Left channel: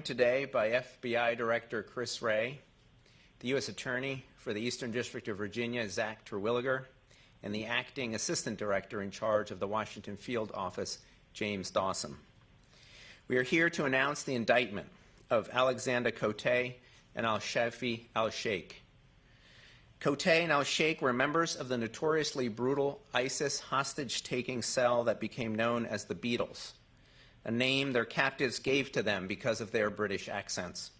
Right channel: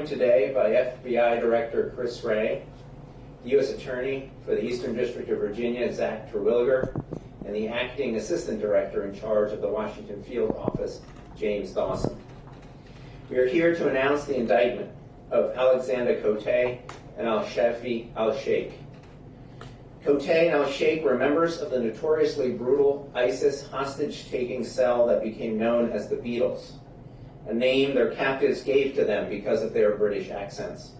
joined today by FBI Director Chris Wray, the U.S. Attorney for the Eastern District of Virginia, Zach Terwilliger, and the Acting Assistant Director in charge of the Washington Field Office, James Dawson. We are here to announce the indictment of Alexander Cote and Al-Shafi al-Sheikh. Cote and al-Sheikh were members of the notoriously brutal ISIS hostage-taking cell that became known as the Beatles, a name their captives gave to them because of their British accents.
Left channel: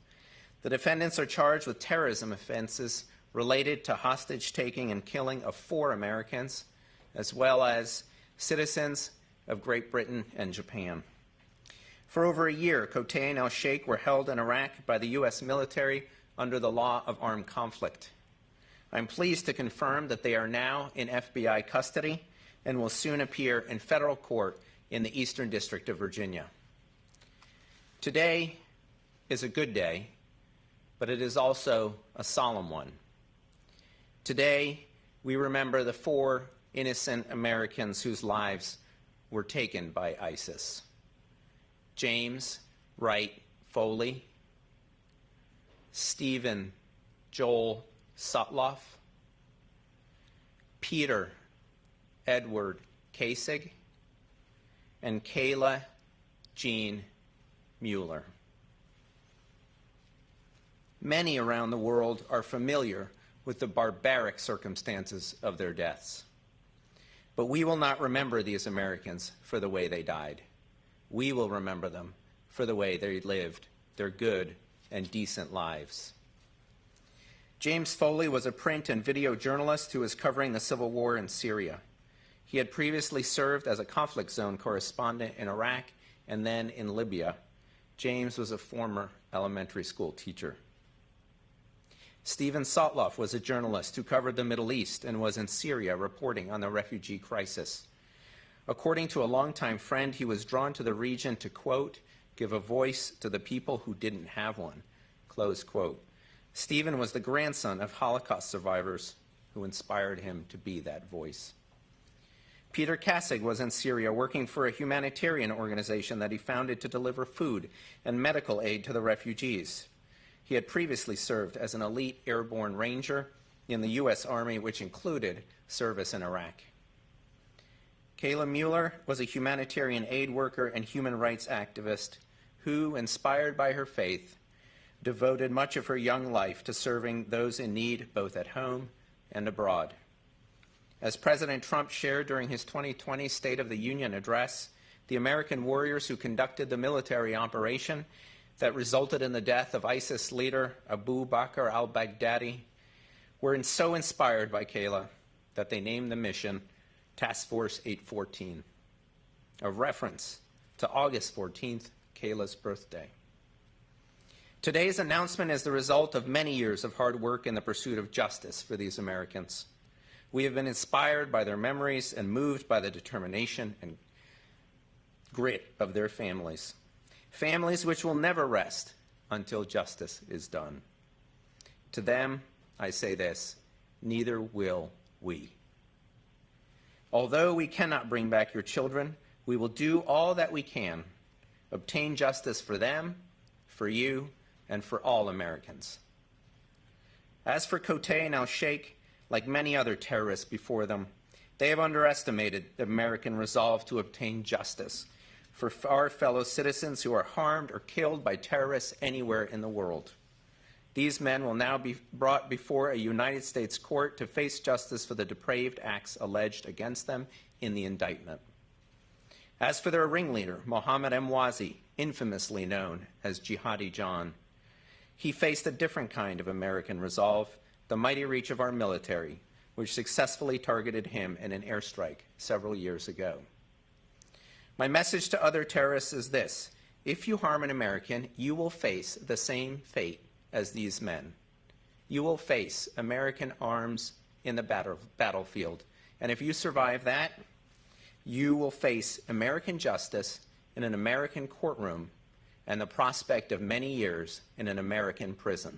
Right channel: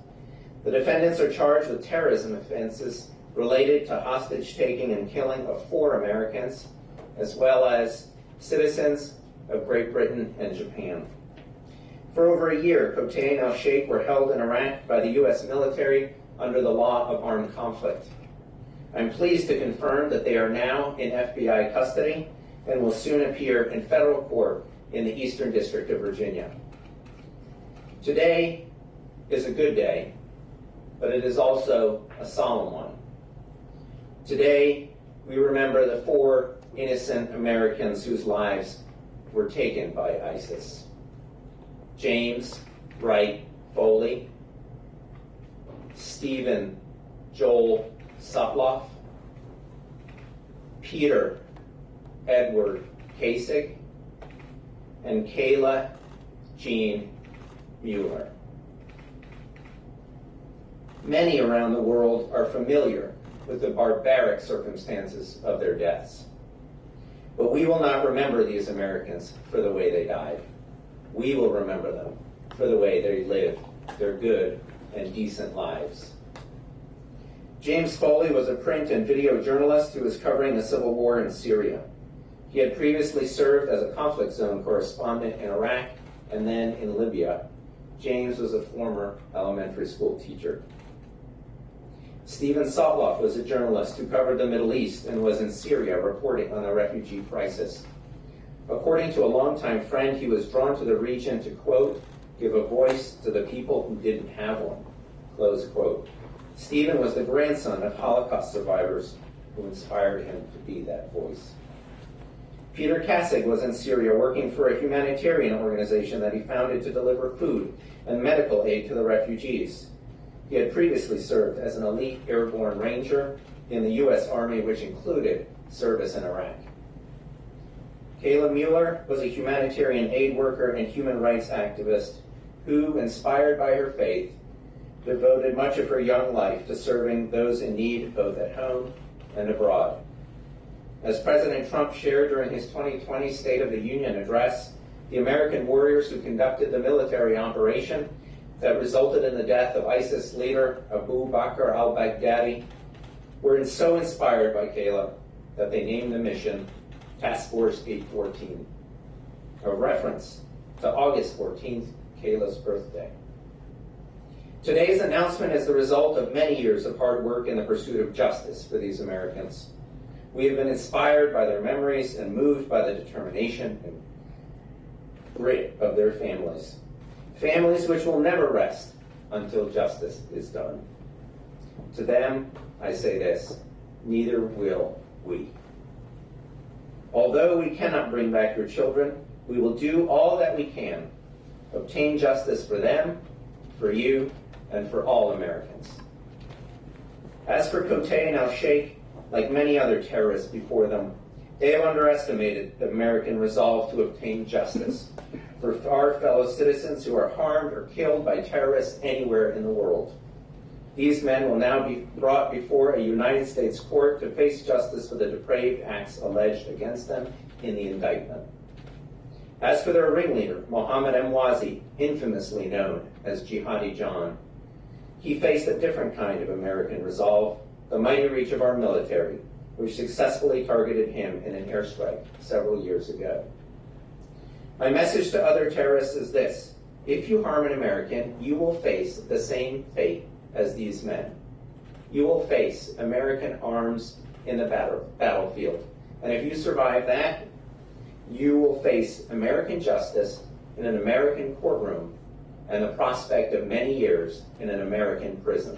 The defendants are charged with terrorism offenses related to hostage-taking and killing of 4 Americans, as well as citizens of Great Britain and Japan. For over a year, Cote and al-Sheikh were held in Iraq by the U.S. military under the law of armed conflict. I'm pleased to confirm that they are now in FBI custody and will soon appear in federal court in the Eastern District of Virginia. Today is a good day, but it is also a solemn one. Today, we remember the 4 innocent Americans whose lives were taken by ISIS. James Wright Foley, Stephen Joel Sutloff, Peter Edward Kasich, and Kayla Jean Mueller. Many around the world are familiar with the barbaric circumstances of their deaths. But we will not remember these Americans for the way they died. We will remember them for the way they lived their good and decent lives. James Foley was a print and video journalist who was covering the civil war in Syria. He had previously served as a conflict zone correspondent in Iraq and then in Libya. James was a former elementary school teacher. Stephen Sutloff was a journalist who covered the Middle East and was in Syria reporting on the refugee crisis. According to a longtime friend, he was drawn to the region to, quote, give a voice to the people who didn't have one, close quote. Stephen was the grandson of Holocaust survivors who inspired him to be that voice. Peter Kasich was in Syria working for a humanitarian organization that he founded to deliver food and medical aid to the refugees. He had previously served as an elite airborne ranger in the U.S. Army, which included service in Iraq. Kayla Mueller was a humanitarian aid worker and human rights activist who, inspired by her faith, devoted much of her young life to serving those in need both at home and abroad. As President Trump shared during his 2020 State of the Union address, the American warriors who conducted the military operation that resulted in the death of ISIS leader Abu Bakr al-Baghdadi were so inspired by Kayla that they named the mission Task Force 814, a reference to August 14th, Kayla's birthday. Today's announcement is the result of many years of hard work in the pursuit of justice for these Americans. We have been inspired by their memories and moved by the determination and grit of their families. Families which will never rest until justice is done. To them, I say this, neither will we. Although we cannot bring back your children, we will do all that we can, obtain justice for them, for you, and for all Americans. As for Cote and al-Sheikh, like many other terrorists before them, they have underestimated the American resolve to obtain justice for our fellow citizens who are harmed or killed by terrorists anywhere in the world. These men will now be brought before a United States court to face justice for the depraved acts alleged against them in the indictment. As for their ringleader, Mohammed Emwazi, infamously known as Jihadi John, he faced a different kind of American resolve, the mighty reach of our military, which successfully targeted him in an airstrike several years ago. My message to other terrorists is this: if you harm an American, you will face the same fate as these men. You will face American arms in the battlefield. And if you survive that, you will face American justice in an American courtroom and the prospect of many years in an American prison.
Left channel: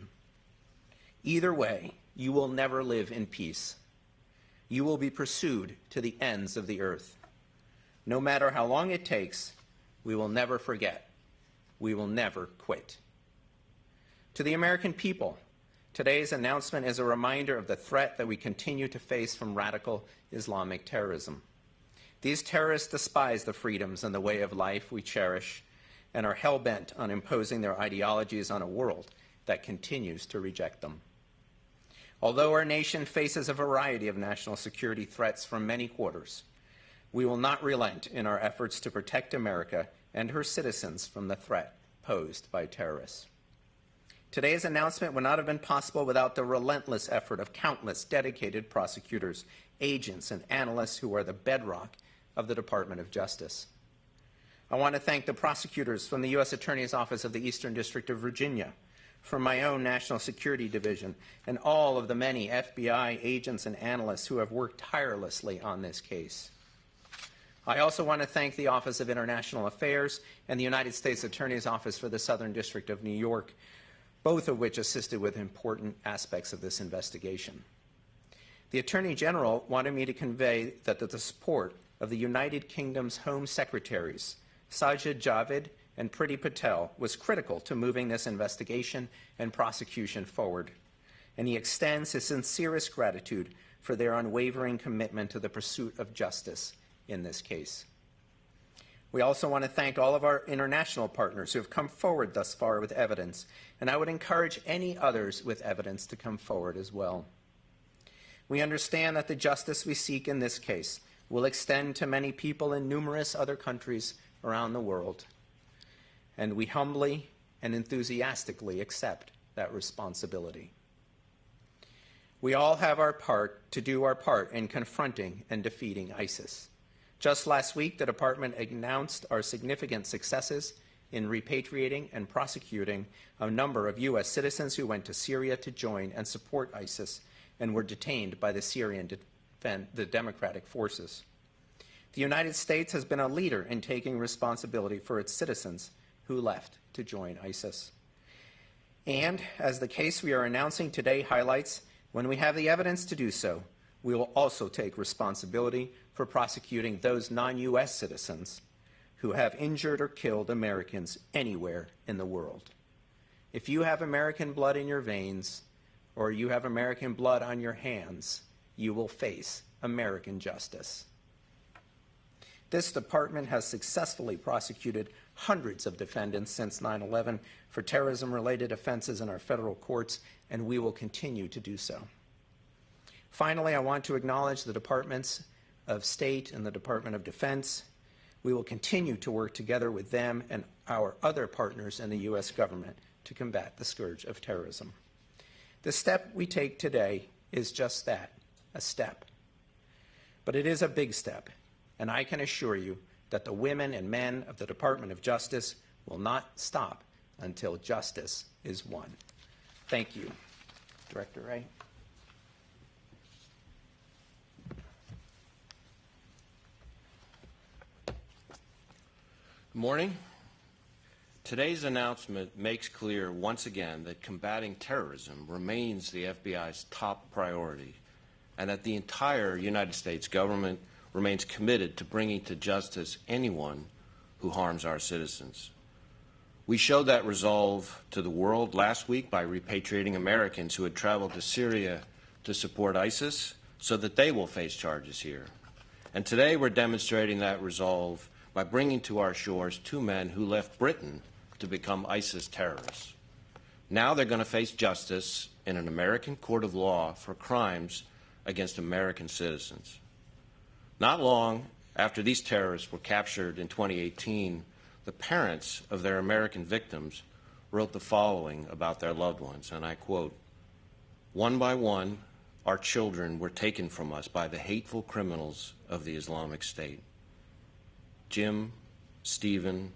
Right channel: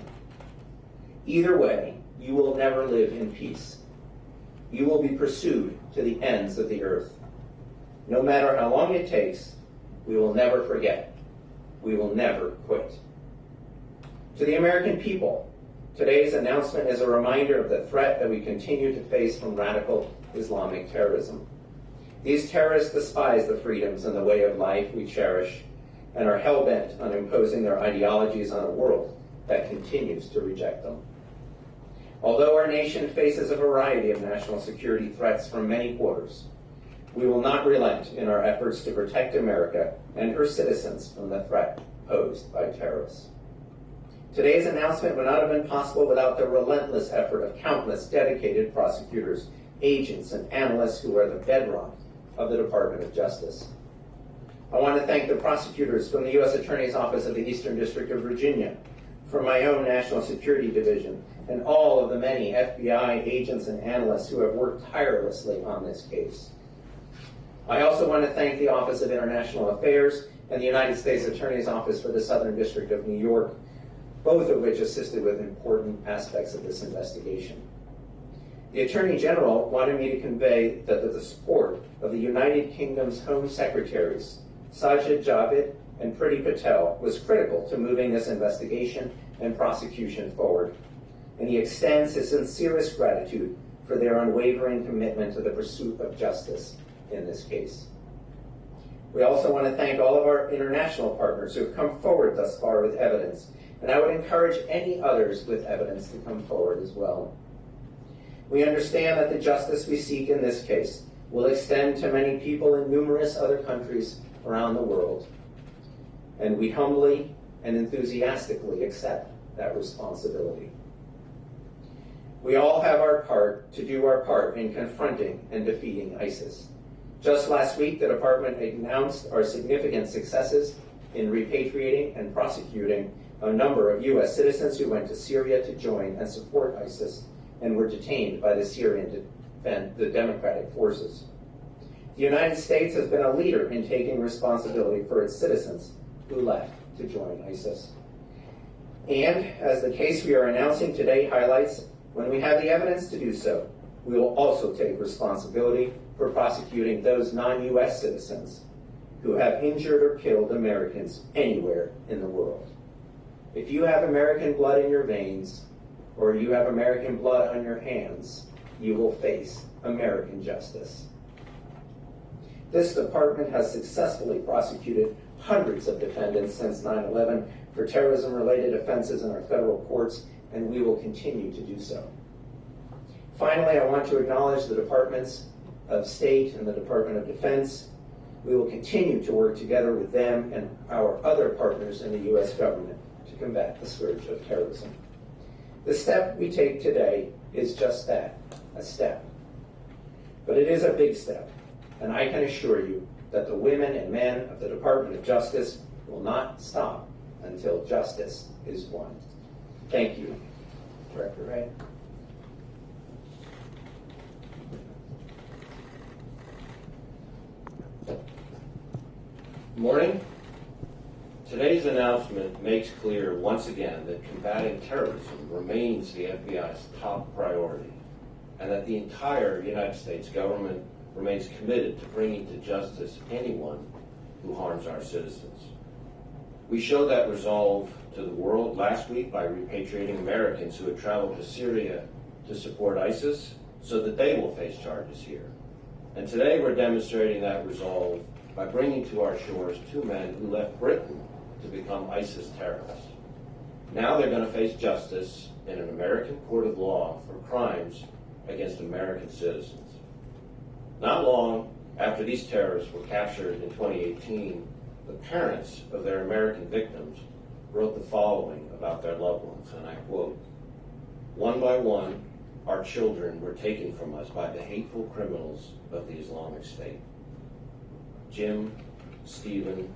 Either way, you will never live in peace. You will be pursued to the ends of the earth. No matter how long it takes, we will never forget. We will never quit. To the American people, today's announcement is a reminder of the threat that we continue to face from radical Islamic terrorism. These terrorists despise the freedoms and the way of life we cherish and are hell-bent on imposing their ideologies on a world that continues to reject them. Although our nation faces a variety of national security threats from many quarters, we will not relent in our efforts to protect America and her citizens from the threat posed by terrorists. Today's announcement would not have been possible without the relentless effort of countless dedicated prosecutors, agents, and analysts who are the bedrock of the Department of Justice. I want to thank the prosecutors from the U.S. Attorney's Office of the Eastern District of Virginia, from my own National Security Division, and all of the many FBI agents and analysts who have worked tirelessly on this case. I also want to thank the Office of International Affairs and the United States Attorney's Office for the Southern District of New York, both of which assisted with important aspects of this investigation. The Attorney General wanted me to convey that the support of the United Kingdom's Home Secretaries, Sajid Javid and Priti Patel, was critical to moving this investigation and prosecution forward, and he extends his sincerest gratitude for their unwavering commitment to the pursuit of justice in this case. We also want to thank all of our international partners who have come forward thus far with evidence, and I would encourage any others with evidence to come forward as well. We understand that the justice we seek in this case will extend to many people in numerous other countries around the world, and we humbly and enthusiastically accept that responsibility. We all have our part to do our part in confronting and defeating ISIS. Just last week, the department announced our significant successes in repatriating and prosecuting a number of U.S. citizens who went to Syria to join and support ISIS and were detained by the democratic forces. The United States has been a leader in taking responsibility for its citizens who left to join ISIS. And as the case we are announcing today highlights, when we have the evidence to do so, we will also take responsibility for prosecuting those non-U.S. citizens who have injured or killed Americans anywhere in the world. If you have American blood in your veins, or you have American blood on your hands, you will face American justice. This department has successfully prosecuted hundreds of defendants since 9/11 for terrorism-related offenses in our federal courts, and we will continue to do so. Finally, I want to acknowledge the Departments of State and the Department of Defense. We will continue to work together with them and our other partners in the U.S. government to combat the scourge of terrorism. The step we take today is just that, a step. But it is a big step, and I can assure you that the women and men of the Department of Justice will not stop until justice is won. Thank you. Director Wray. Morning. Today's announcement makes clear once again that combating terrorism remains the FBI's top priority, and that the entire United States government remains committed to bringing to justice anyone who harms our citizens. We showed that resolve to the world last week by repatriating Americans who had traveled to Syria to support ISIS so that they will face charges here. And today we're demonstrating that resolve by bringing to our shores two men who left Britain to become ISIS terrorists. Now they're going to face justice in an American court of law for crimes against American citizens. Not long after these terrorists were captured in 2018, the parents of their American victims wrote the following about their loved ones, and I quote, "One by one, our children were taken from us by the hateful criminals of the Islamic State. Jim, Stephen,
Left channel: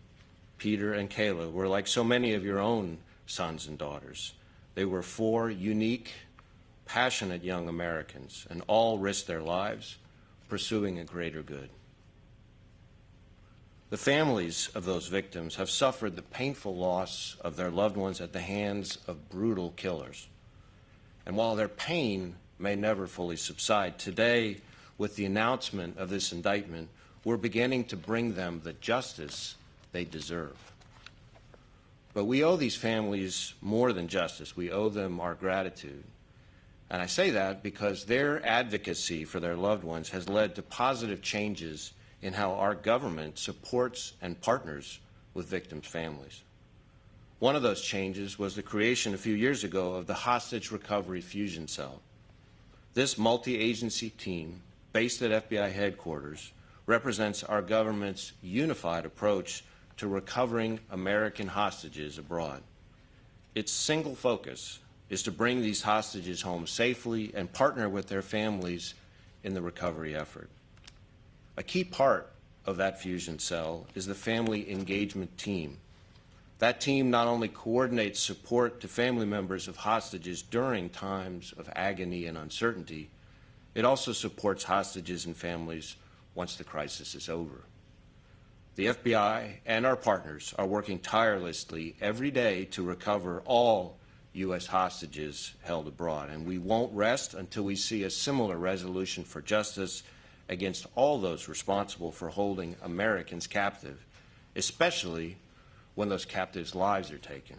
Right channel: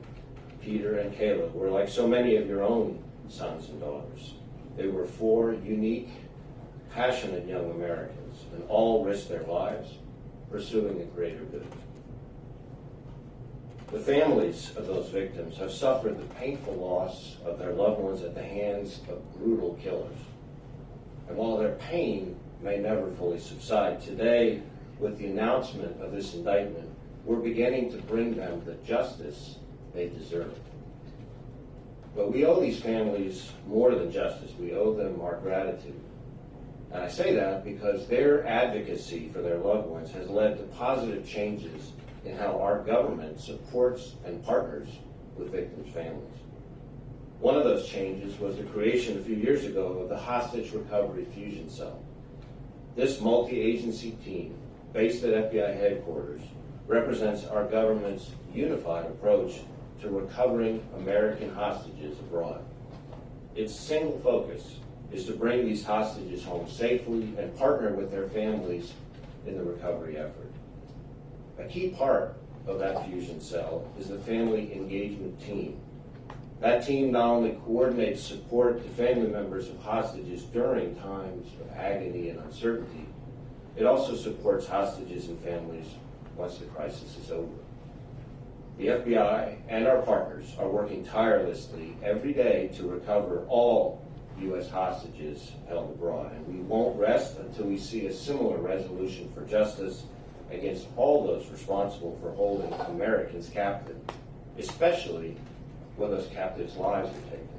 Peter, and Kayla were like so many of your own sons and daughters. They were four unique, passionate young Americans, and all risked their lives pursuing a greater good. The families of those victims have suffered the painful loss of their loved ones at the hands of brutal killers. And while their pain may never fully subside, today, with the announcement of this indictment, we're beginning to bring them the justice they deserve. But we owe these families more than justice. We owe them our gratitude. And I say that because their advocacy for their loved ones has led to positive changes in how our government supports and partners with victims' families. One of those changes was the creation a few years ago of the Hostage Recovery Fusion Cell. This multi-agency team, based at FBI headquarters, represents our government's unified approach to recovering American hostages abroad. Its single focus is to bring these hostages home safely and partner with their families in the recovery effort. A key part of that fusion cell is the Family Engagement Team. That team not only coordinates support to family members of hostages during times of agony and uncertainty, it also supports hostages and families once the crisis is over. The FBI and our partners are working tirelessly every day to recover all U.S. hostages held abroad, and we won't rest until we see a similar resolution for justice against all those responsible for holding Americans captive, especially when those captives' lives are taken.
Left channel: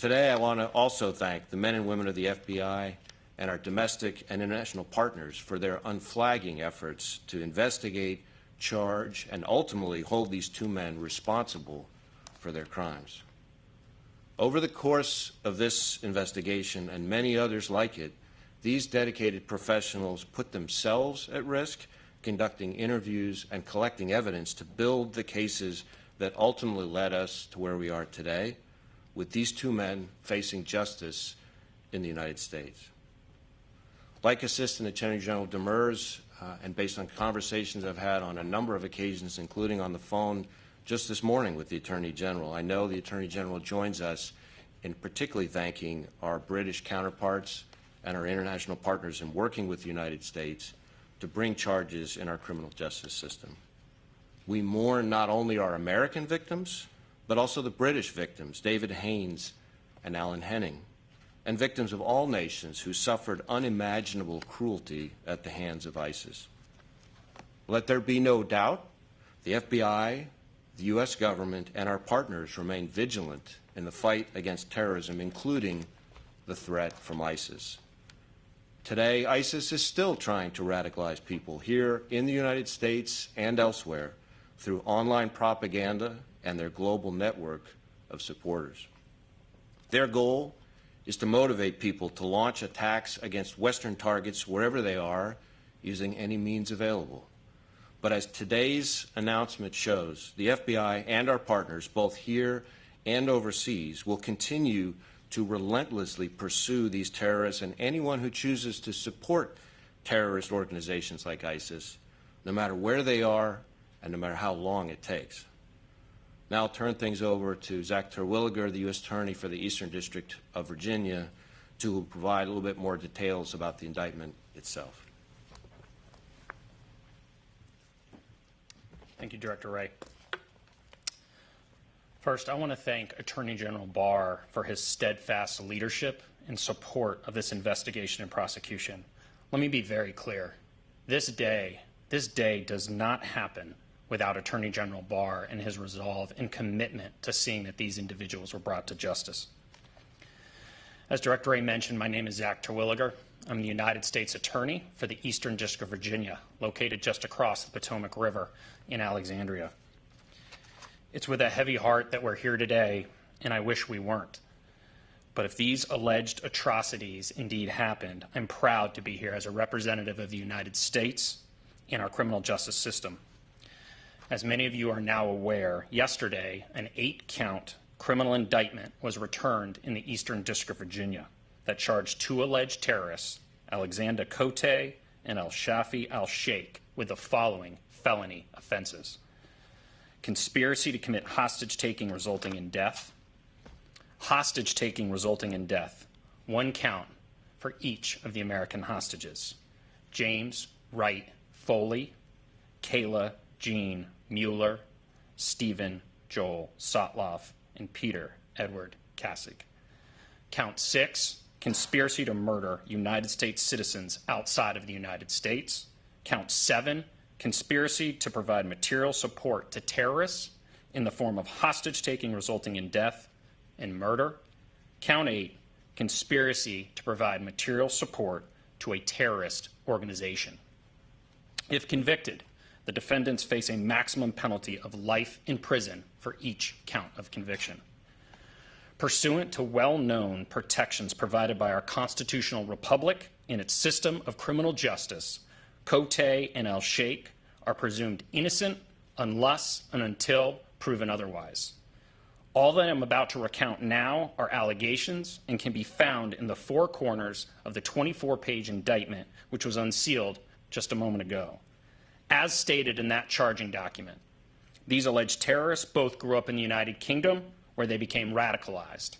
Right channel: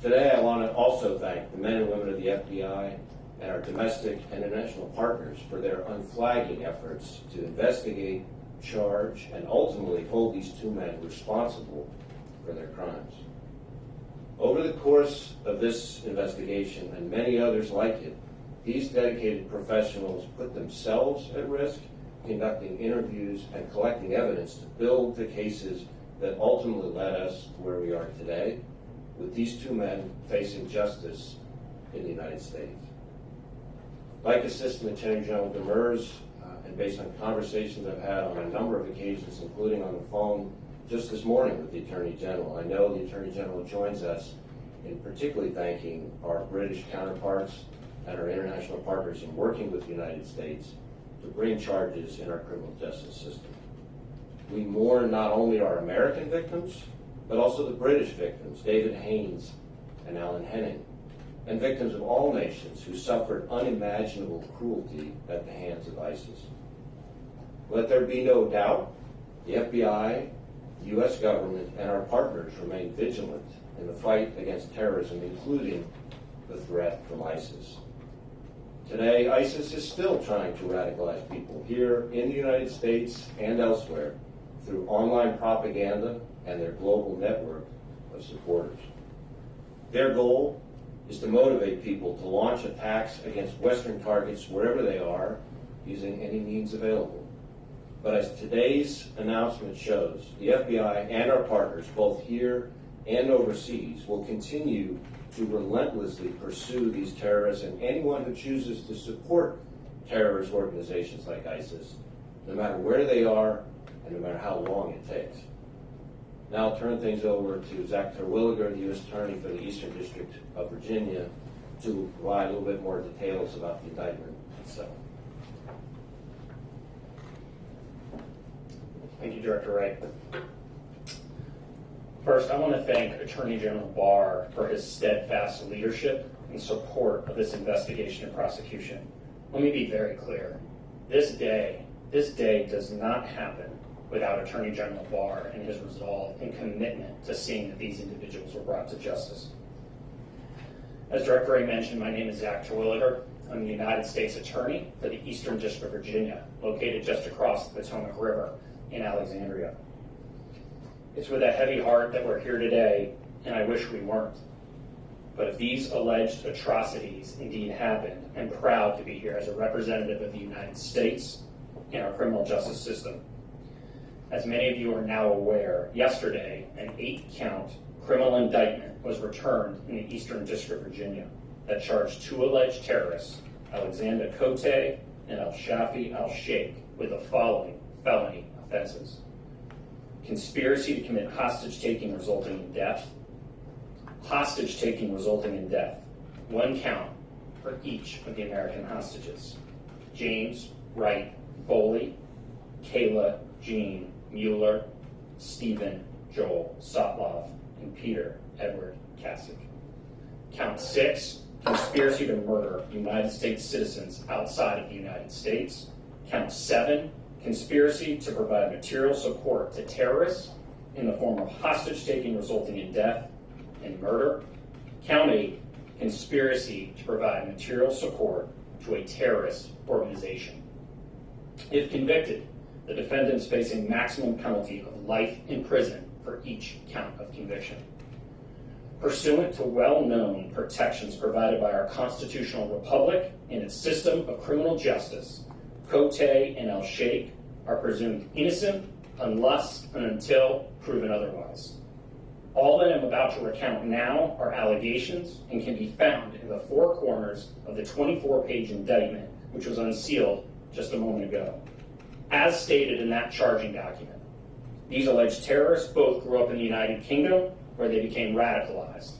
Today, I want to also thank the men and women of the FBI and our domestic and international partners for their unflagging efforts to investigate, charge, and ultimately hold these two men responsible for their crimes. Over the course of this investigation and many others like it, these dedicated professionals put themselves at risk, conducting interviews and collecting evidence to build the cases that ultimately led us to where we are today, with these two men facing justice in the United States. Like Assistant Attorney General Demers, and based on conversations I've had on a number of occasions, including on the phone just this morning with the Attorney General, I know the Attorney General joins us in particularly thanking our British counterparts and our international partners in working with the United States to bring charges in our criminal justice system. We mourn not only our American victims, but also the British victims, David Haynes and Alan Henning, and victims of all nations who suffered unimaginable cruelty at the hands of ISIS. Let there be no doubt, the FBI, the U.S. government, and our partners remain vigilant in the fight against terrorism, including the threat from ISIS. Today, ISIS is still trying to radicalize people here in the United States and elsewhere through online propaganda and their global network of supporters. Their goal is to motivate people to launch attacks against Western targets wherever they are, using any means available. But as today's announcement shows, the FBI and our partners, both here and overseas, will continue to relentlessly pursue these terrorists and anyone who chooses to support terrorist organizations like ISIS, no matter where they are and no matter how long it takes. Now I'll turn things over to Zach Terwilliger, the U.S. Attorney for the Eastern District of Virginia, to provide a little bit more details about the indictment itself. Thank you, Director Wray. First, I want to thank Attorney General Barr for his steadfast leadership and support of this investigation and prosecution. Let me be very clear. This day does not happen without Attorney General Barr and his resolve and commitment to seeing that these individuals were brought to justice. As Director Wray mentioned, my name is Zach Terwilliger. I'm the United States Attorney for the Eastern District of Virginia, located just across the Potomac River in Alexandria. It's with a heavy heart that we're here today, and I wish we weren't. But if these alleged atrocities indeed happened, I'm proud to be here as a representative of the United States in our criminal justice system. As many of you are now aware, yesterday an 8-count criminal indictment was returned in the Eastern District of Virginia that charged 2 alleged terrorists, Alexander Cote and Al-Shafi Al-Sheikh, with the following felony offenses: conspiracy to commit hostage-taking resulting in death, hostage-taking resulting in death, 1 count for each of the American hostages: James Wright Foley, Kayla Jean Mueller, Stephen Joel Sotlov, and Peter Edward Kasich. Count 6, conspiracy to murder United States citizens outside of the United States. Count 7, conspiracy to provide material support to terrorists in the form of hostage-taking resulting in death and murder. Count 8, conspiracy to provide material support to a terrorist organization. If convicted, the defendants face a maximum penalty of life in prison for each count of conviction. Pursuant to well-known protections provided by our constitutional republic and its system of criminal justice, Cote and El Sheikh are presumed innocent unless and until proven otherwise. All that I'm about to recount now are allegations and can be found in the four corners of the 24-page indictment, which was unsealed just a moment ago. As stated in that charging document, these alleged terrorists both grew up in the United Kingdom, where they became radicalized.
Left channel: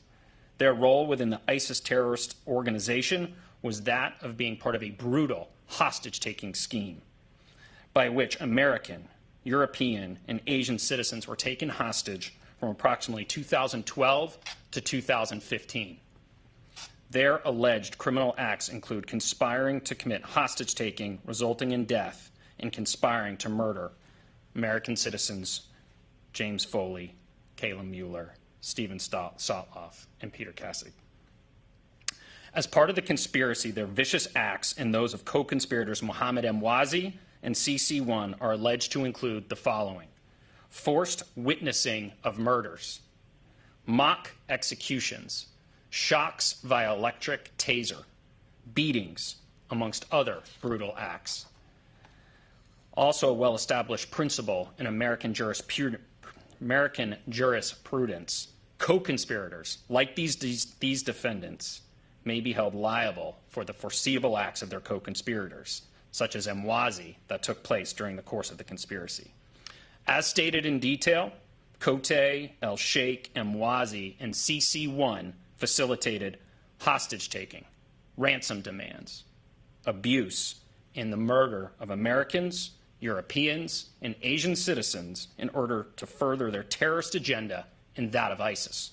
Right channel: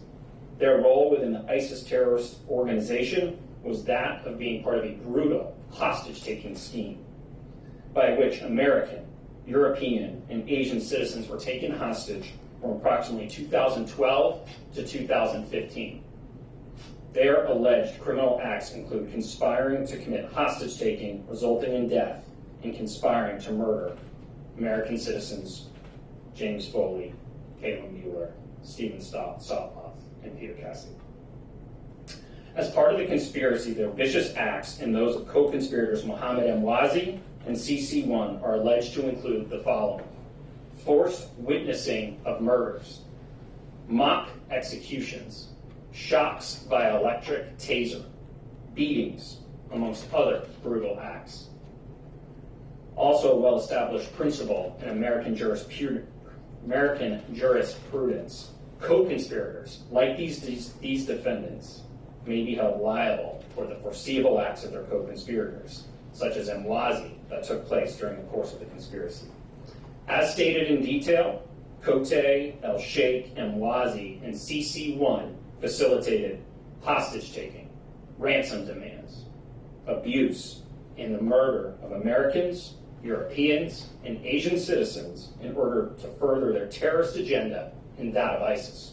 Their role within the ISIS terrorist organization was that of being part of a brutal hostage-taking scheme by which American, European, and Asian citizens were taken hostage from approximately 2012 to 2015. Their alleged criminal acts include conspiring to commit hostage-taking resulting in death and conspiring to murder American citizens James Foley, Kayla Mueller, Stephen Sotloff, and Peter Cassidy. As part of the conspiracy, their vicious acts and those of co-conspirators Mohammed Mwazi and CC1 are alleged to include the following: forced witnessing of murders, mock executions, shocks via electric taser, beatings, amongst other brutal acts. Also a well-established principle in American jurisprudence, co-conspirators, like these defendants, may be held liable for the foreseeable acts of their co-conspirators, such as Mwazi, that took place during the course of the conspiracy. As stated in detail, Cote, El Sheikh, Mwazi, and CC1 facilitated hostage-taking, ransom demands, abuse, and the murder of Americans, Europeans, and Asian citizens in order to further their terrorist agenda and that of ISIS.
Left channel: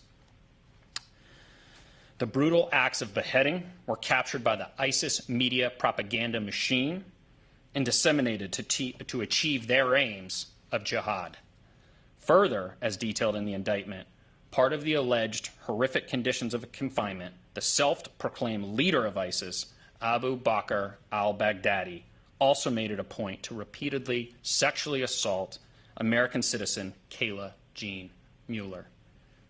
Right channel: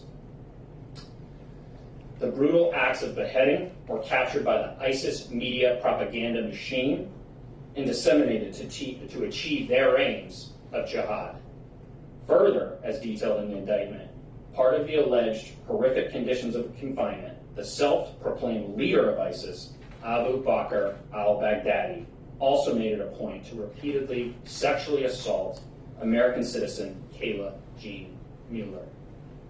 The brutal acts of beheading were captured by the ISIS media propaganda machine and disseminated to achieve their aims of jihad. Further, as detailed in the indictment, part of the alleged horrific conditions of confinement, the self-proclaimed leader of ISIS, Abu Bakr al-Baghdadi, also made it a point to repeatedly sexually assault American citizen Kayla Jean Mueller.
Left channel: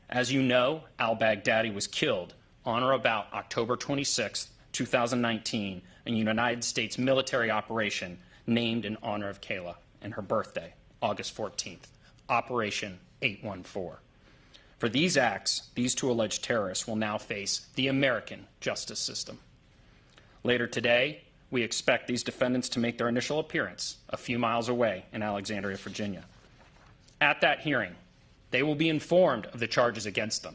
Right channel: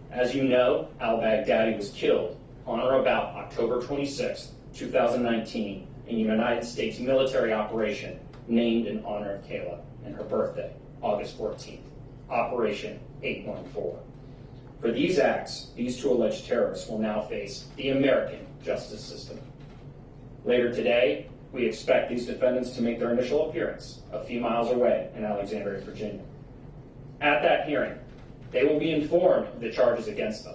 As you know, al-Baghdadi was killed on or about October 26, 2019, in a United States military operation named in honor of Kayla and her birthday, August 14th, Operation 814. For these acts, these two alleged terrorists will now face the American justice system. Later today, we expect these defendants to make their initial appearance a few miles away in Alexandria, Virginia. At that hearing, they will be informed of the charges against them.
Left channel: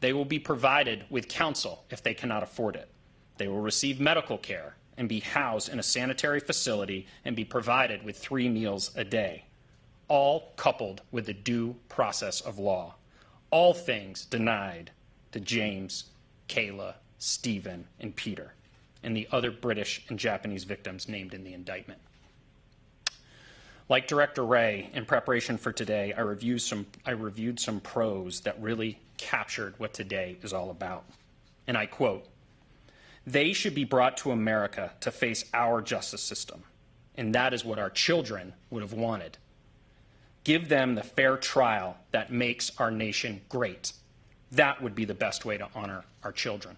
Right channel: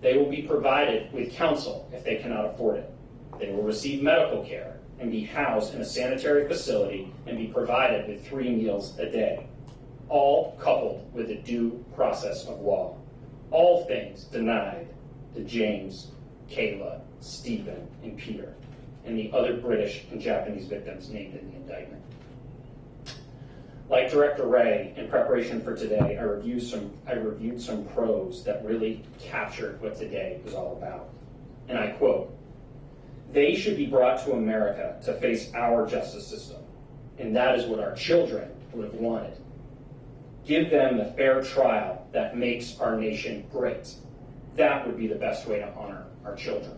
They will be provided with counsel if they cannot afford it. They will receive medical care and be housed in a sanitary facility and be provided with 3 meals a day, all coupled with the due process of law. All things denied to James, Kayla, Stephen, and Peter, and the other British and Japanese victims named in the indictment. Like Director Wray, in preparation for today, I reviewed some prose that really captured what today is all about. And I quote, "They should be brought to America to face our justice system, and that is what our children would have wanted. Give them the fair trial that makes our nation great. That would be the best way to honor our children.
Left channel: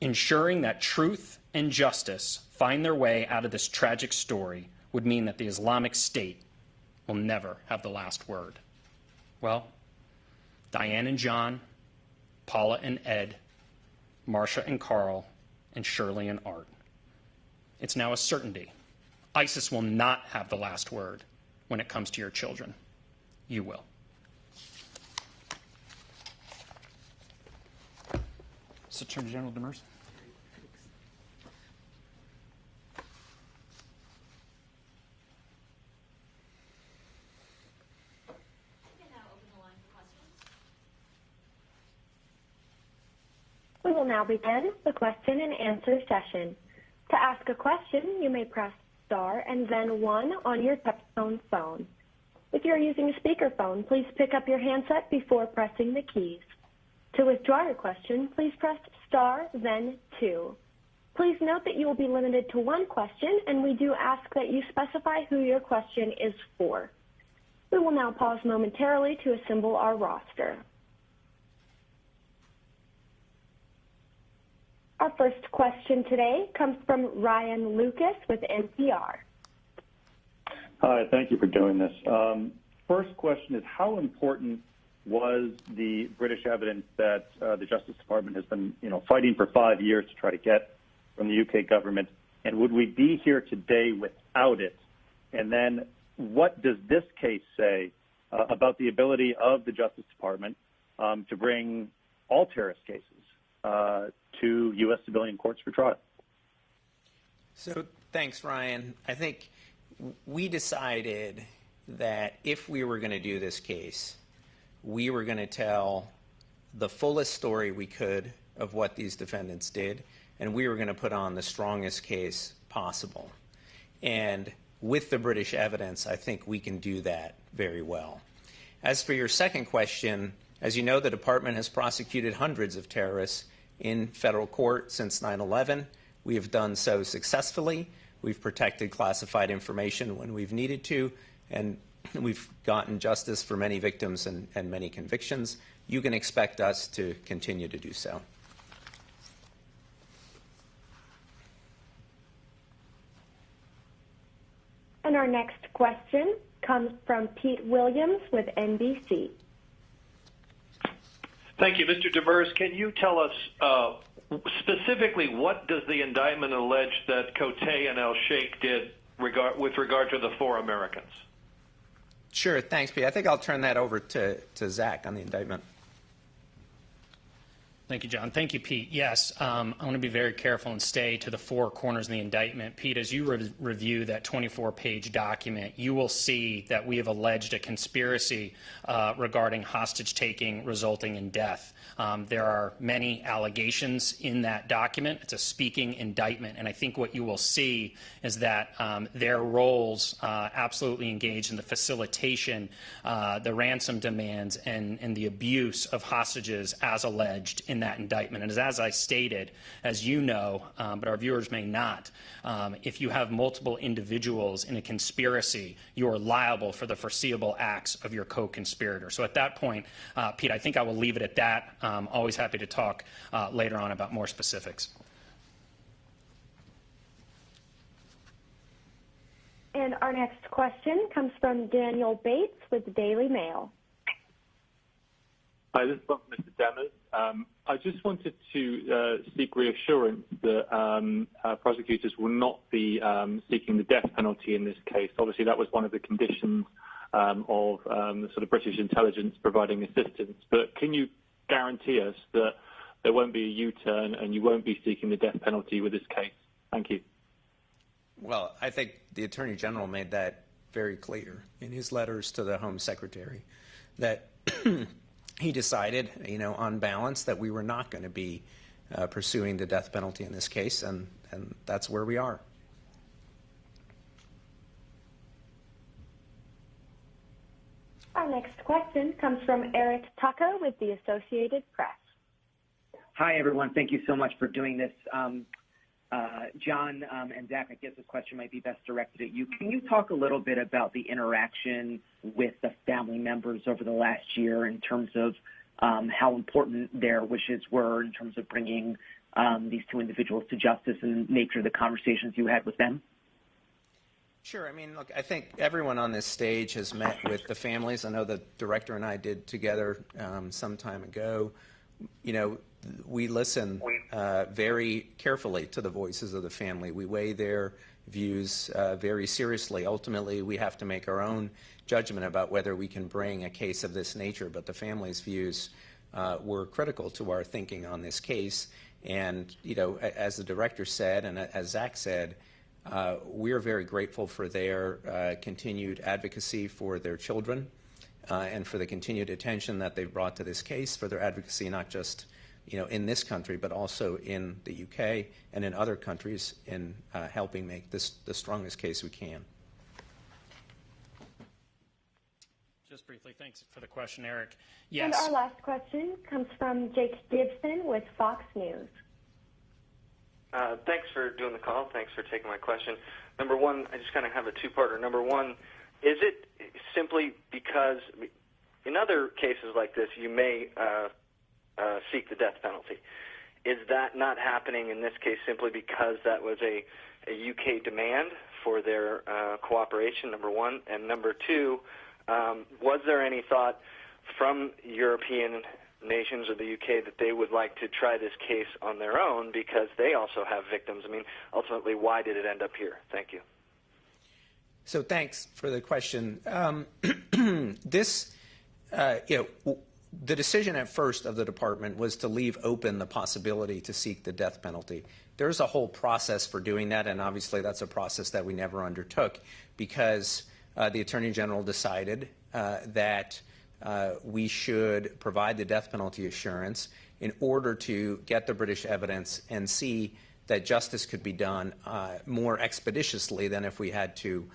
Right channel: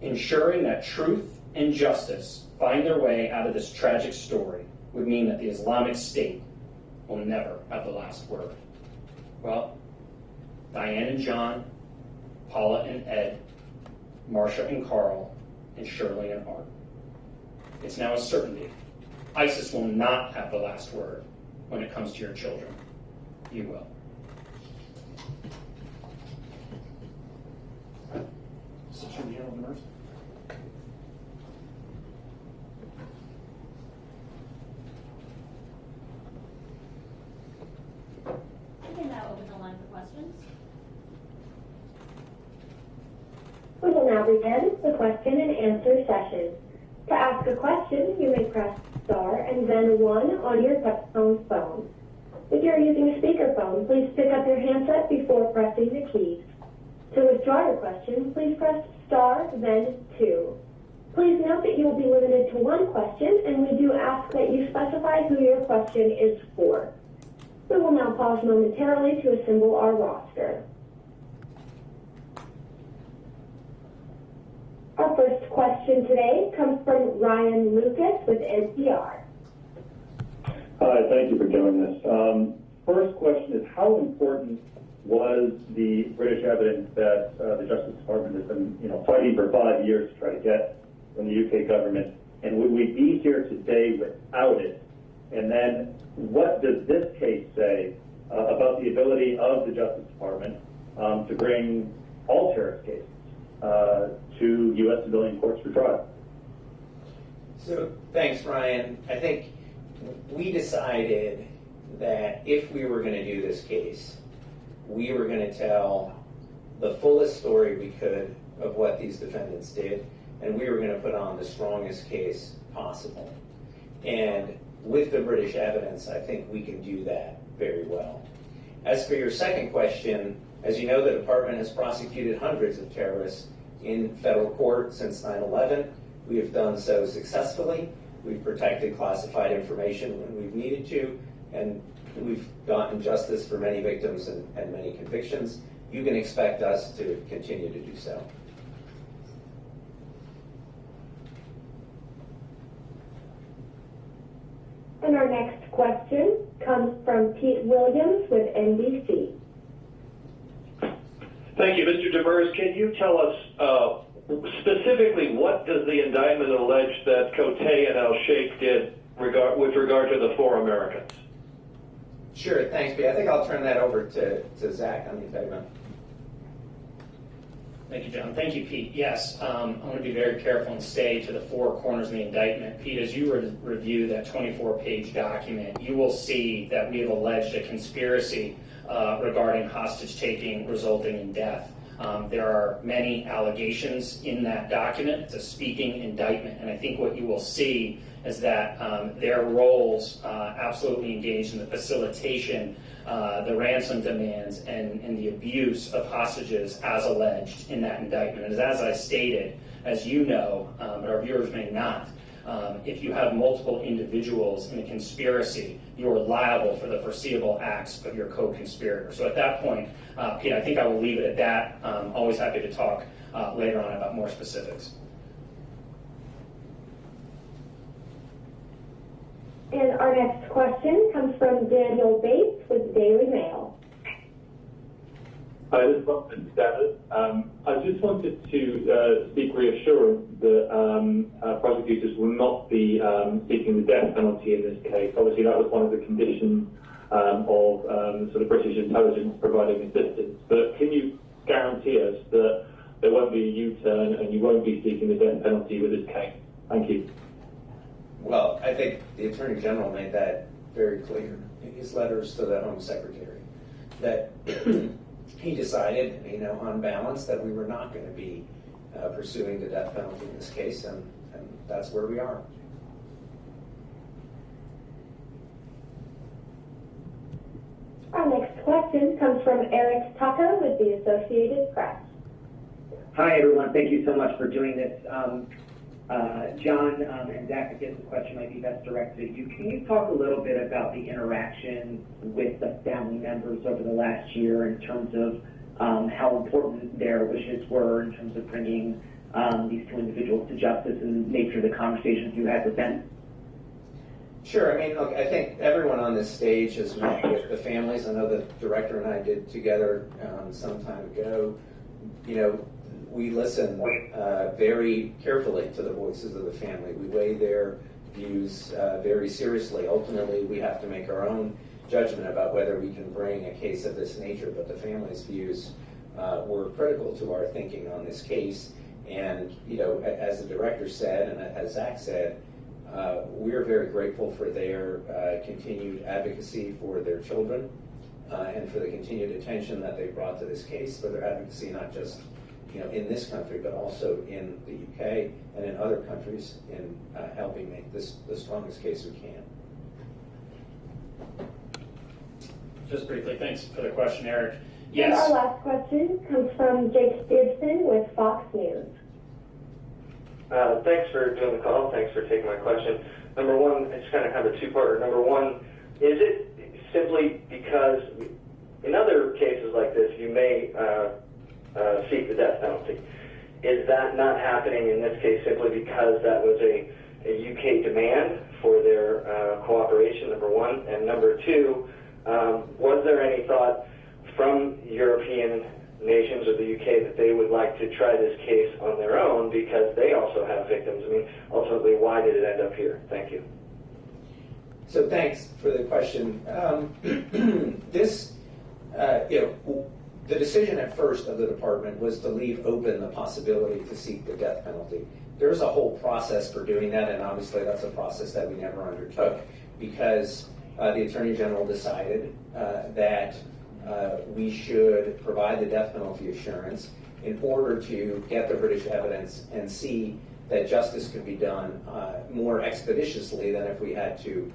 Ensuring that truth and justice find their way out of this tragic story would mean that the Islamic State will never have the last word." Well, Diane and John, Paula and Ed, Marcia and Carl, and Shirley and Art. It's now a certainty. ISIS will not have the last word when it comes to your children. You will. Attorney General Demers. I can now open the line for questions. We will now begin the question and answer session. To ask a question, you may press star and then 1 on your touch-tone phone. If you're using a speakerphone, please pick up your handset before pressing the keys. To withdraw your question, please press star, then 2. Please note that you will be limited to one question, and we do ask that you specify who your question is for. We will now pause momentarily to assemble our roster. Our first question today comes from Ryan Lucas with NPR. Hi, thank you for doing this. First question is, how important was the British evidence that the Justice Department has been, fighting for 5 years to try to get from the UK government, and would we be here today without it? And then, what does this case say about the ability of the Justice Department to bring all terrorist cases to U.S. civilian courts for trial? So, thanks, Ryan. I think we decided that if we were going to do this case, we were going to tell the fullest story we could of what these defendants did, and we were going to put on the strongest case possible. And with the British evidence, I think we can do that very well. As for your second question, as you know, the department has prosecuted hundreds of terrorists in federal court since 9/11. We have done so successfully. We've protected classified information when we've needed to, and we've gotten justice for many victims and many convictions. You can expect us to continue to do so. And our next question comes from Pete Williams with NBC. Thank you. Mr. Demers, can you tell us specifically what does the indictment allege that Cote and Al-Sheikh did with regard to the 4 Americans? Sure, thanks, Pete. I think I'll turn that over to Zach on the indictment. Thank you, John. Thank you, Pete. Yes, I'm going to be very careful and stay to the 4 corners of the indictment. Pete, as you review that 24-page document, you will see that we have alleged a conspiracy regarding hostage-taking resulting in death. There are many allegations in that document. It's a speaking indictment, and I think what you will see is that their roles absolutely engage in the facilitation, the ransom demands, and the abuse of hostages as alleged in that indictment. And as I stated, as you know, but our viewers may not, if you have multiple individuals in a conspiracy, you are liable for the foreseeable acts of your co-conspirator. So at that point, Pete, I think I will leave it at that. Always happy to talk later on about more specifics. And our next question comes from Daniel Bates with the Daily Mail. Hi, this is Austin David. I just wanted to seek reassurance that prosecutors will not be seeking the death penalty in this case. Obviously, that was one of the conditions of sort of British intelligence providing assistance. But can you guarantee us that there won't be a U-turn and you won't be seeking the death penalty with this case? Thank you. Well, I think the Attorney General made that very clear in his letters to the Home Secretary, that he decided, on balance, that we were not going to be pursuing the death penalty in this case, and that's where we are. Our next question comes from Eric Tucker with the Associated Press. Hi, everyone. Thank you so much for doing this. John and Zach, I guess this question might be best directed at you. Can you talk a little bit about the interaction with the family members over the last year in terms of how important their wishes were in terms of bringing these 2 individuals to justice and the nature of the conversations you had with them? Sure. Look, I think everyone on this stage has met with the families. I know the director and I did together some time ago. We listen very carefully to the voices of the family. We weigh their views very seriously. Ultimately, we have to make our own judgment about whether we can bring a case of this nature, but the family's views were critical to our thinking on this case. And, as the director said, and as Zach said, we're very grateful for their continued advocacy for their children and for the continued attention that they've brought to this case, for their advocacy not just in this country, but also in the UK and in other countries in helping make this the strongest case we can. Just briefly, thanks for the question, Eric. And Yes. our last question comes from Jake Gibson with Fox News. Thanks for doing the call. Thanks for taking my question. Number one, I just kind of have a two-parter. Number one, is it simply because in other cases like this, you may seek the death penalty? Is that not happening in this case simply because that was a UK demand for their cooperation, number one? And number two, was there any thought from European nations or the UK that they would like to try this case on their own because they also have victims? I mean, ultimately, why did it end up here? Thank you. So thanks for the question. The decision at first of the department was to leave open the possibility to seek the death penalty. There's a whole process for doing that, and obviously that's a process that we never undertook because the Attorney General decided that we should provide the death penalty assurance in order to get the British evidence and see that justice could be done more expeditiously than if we had to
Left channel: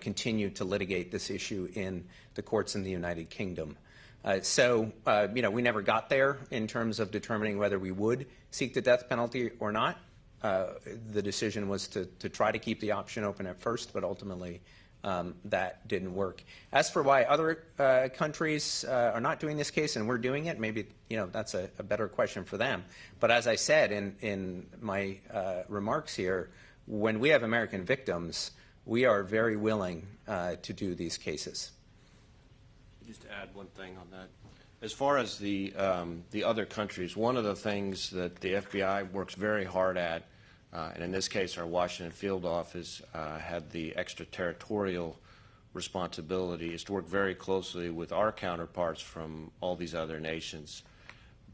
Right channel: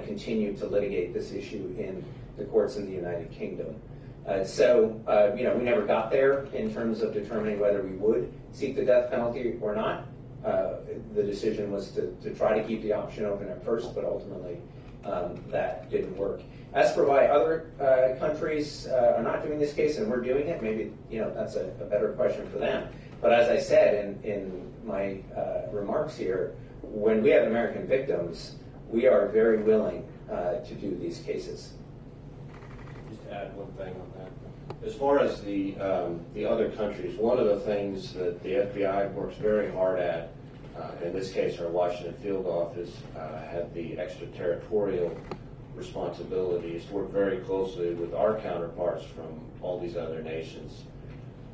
continue to litigate this issue in the courts in the United Kingdom. We never got there in terms of determining whether we would seek the death penalty or not. The decision was to try to keep the option open at first, but ultimately that didn't work. As for why other countries are not doing this case and we're doing it, maybe that's a better question for them. But as I said in my remarks here, when we have American victims, we are very willing to do these cases. Just to add one thing on that. As far as the other countries, one of the things that the FBI works very hard at, and in this case our Washington field office had the extraterritorial responsibility, is to work very closely with our counterparts from all these other nations,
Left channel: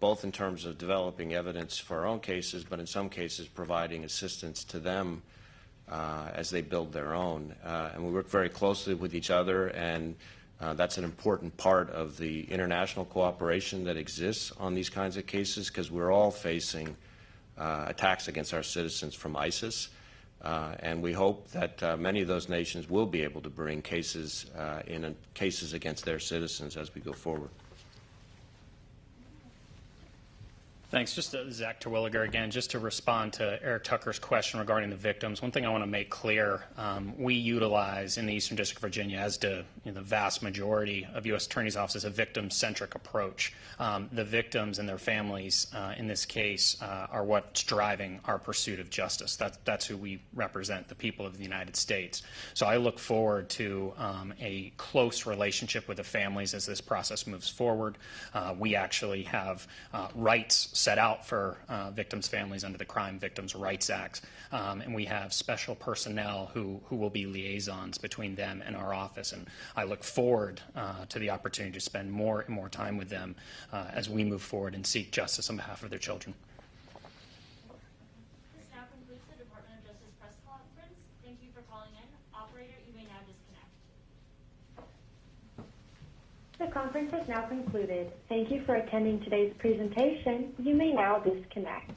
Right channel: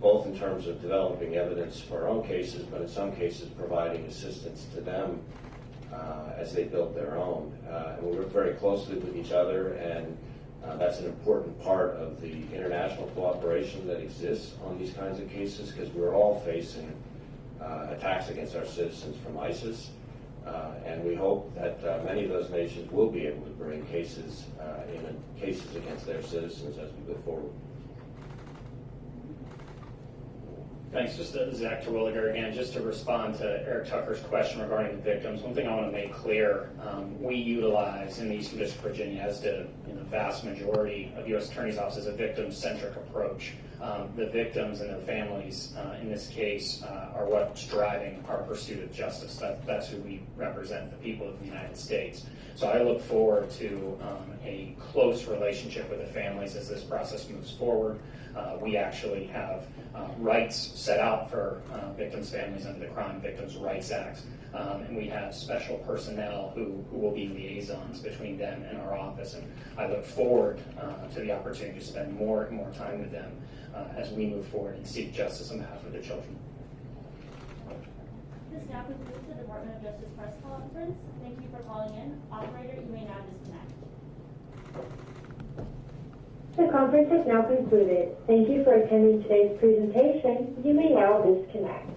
both in terms of developing evidence for our own cases, but in some cases providing assistance to them as they build their own. And we work very closely with each other, and that's an important part of the international cooperation that exists on these kinds of cases, because we're all facing attacks against our citizens from ISIS. And we hope that many of those nations will be able to bring cases against their citizens as we go forward. Thanks. Just Zach Terwilliger again, just to respond to Eric Tucker's question regarding the victims. One thing I want to make clear, we utilize in the Eastern District of Virginia, as do the vast majority of U.S. Attorney's offices, a victim-centric approach. The victims and their families in this case are what's driving our pursuit of justice. That's who we represent, the people of the United States. So I look forward to a close relationship with the families as this process moves forward. We actually have rights set out for victims' families under the Crime Victims' Rights Act. And we have special personnel who will be liaisons between them and our office. And I look forward to the opportunity to spend more and more time with them as we move forward and seek justice on behalf of their children. This now concludes the Department of Justice press conference. Thank you for calling in. Operator, you may now disconnect. The conference has now concluded. Thank you for attending today's presentation. You may now disconnect.